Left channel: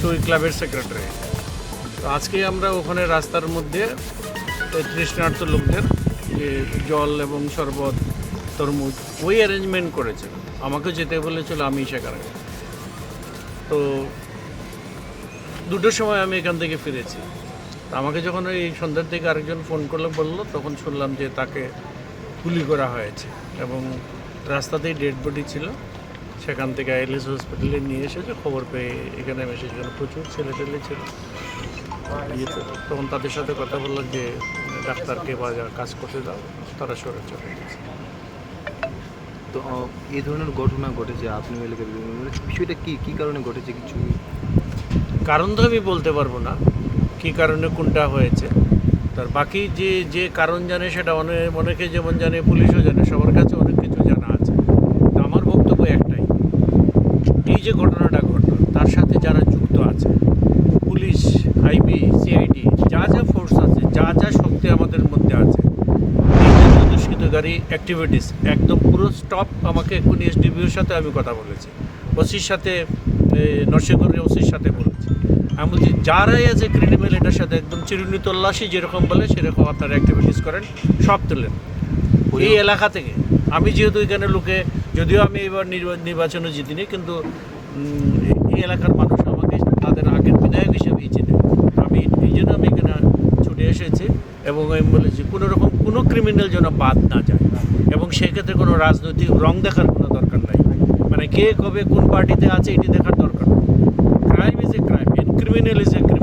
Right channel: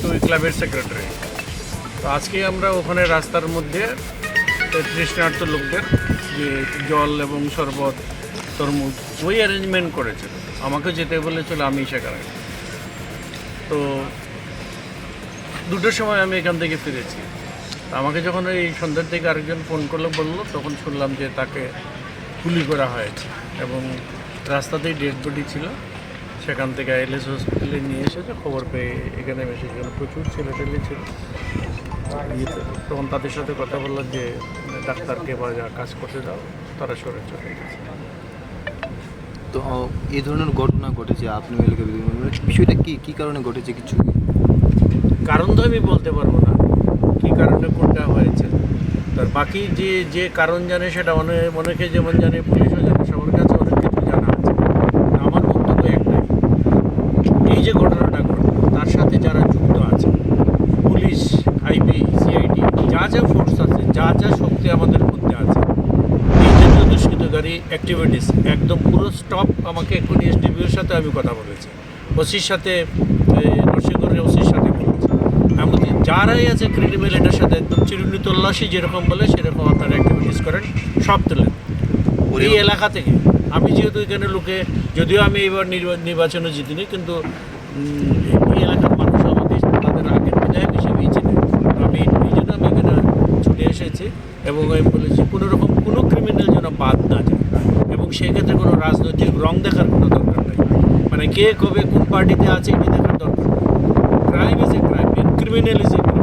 তো ওই ক্লাবের সেক্রেটারি তো আজকে আমরা ওখানে রাস্তার মধ্যে তৃষ্ণার্থ লোকদের জল এবং শরবত, তরমুজ, ওই অ্যারেঞ্জমেন্ট করেছিল। আমাকে যেতে বলেছিল আমি সেখানে তো দুটোর সময় আমি এখান থেকে ফিরেছি। আমাকে যখন এই সন্ধ্যার থেকে আরেকজন ফোন করল, বলল, তখন শুনলাম যে তাকে গুলি করা হয়েছে এবং রাস্তাতেই ডেড বডি ছিল। সেখান থেকে আইএলএস হসপিটালে নিয়ে এসেছে খবর পেয়ে এখানে এসে এখানে প্রচুর ছেলে। টেলে ছিল তখন তাদের সাথে কথা বললাম যে ডাক্তারকে বা যা কাজ করতে দাও তারা সরে চলে গেছে। তো এই ধরনের ঘটনা ঘটেছে আপনি মানে বিষয়টা কি কি কারণে ঘটেছে কিছু? কারণ তো আমি বলতে পারব না কী কারণে কোনটা হয়েছে। তার বাকি যে যে কারণ জানে সেটা অনেক অনেকে যেমন জানে পুলিশও জানে সবার কাছে অনেক কিছু জানা আছে তো আমার বক্তব্য একটাই এই যে ঘটনাটা ঘটনা তার সাথে যারা যুক্ত আছে পুলিশ আইবি সিআইডি যা যা ফোর্স আছে যা যা শক্তি আমাদের মধ্যে আছে এই জাতীয় দুষ্কৃতকারী অ্যাক্টিভিটিস একদম পুরো স্টপ আমাকে এক্ষুনি এসডিবিওর সাথে আমি কথা বলেছি। ওসির সাথে নরসিংগড়ের ওসির সাথে বলেছি। আমি বলছি যারাই আছে ক্রিমিনাল এটার সাথে একদম চিরুনি তল্লাশি যেরকম বলে সেরকম আপনারা অ্যাক্টিভিটিস করেন সব তোলেন এই এলাকা থেকে আমি যেহেতু এখানে লোকে যদিও আমি এবার নির্বা- নির্বাচনে জিতিনি, কিন্তু এই- এলাকার মানুষ আমাকে তাদের আগের বিধায়ক হিসেবেই চিনি। আমি, এই জন্য আমি এখানে ছুটে এসেছি এবং আমি বলেছি, কোনো রকম কোনো ক্রিমিনাল যেন বাদ না যায়। এবং সেক্ষেত্রে কোনো রাজনৈতিক রং দেখার কোনো দরকার নাই। মানে কে কবে কোন পার্টিতে আছে এটি দেখার দরকার crime is a crime criminal is a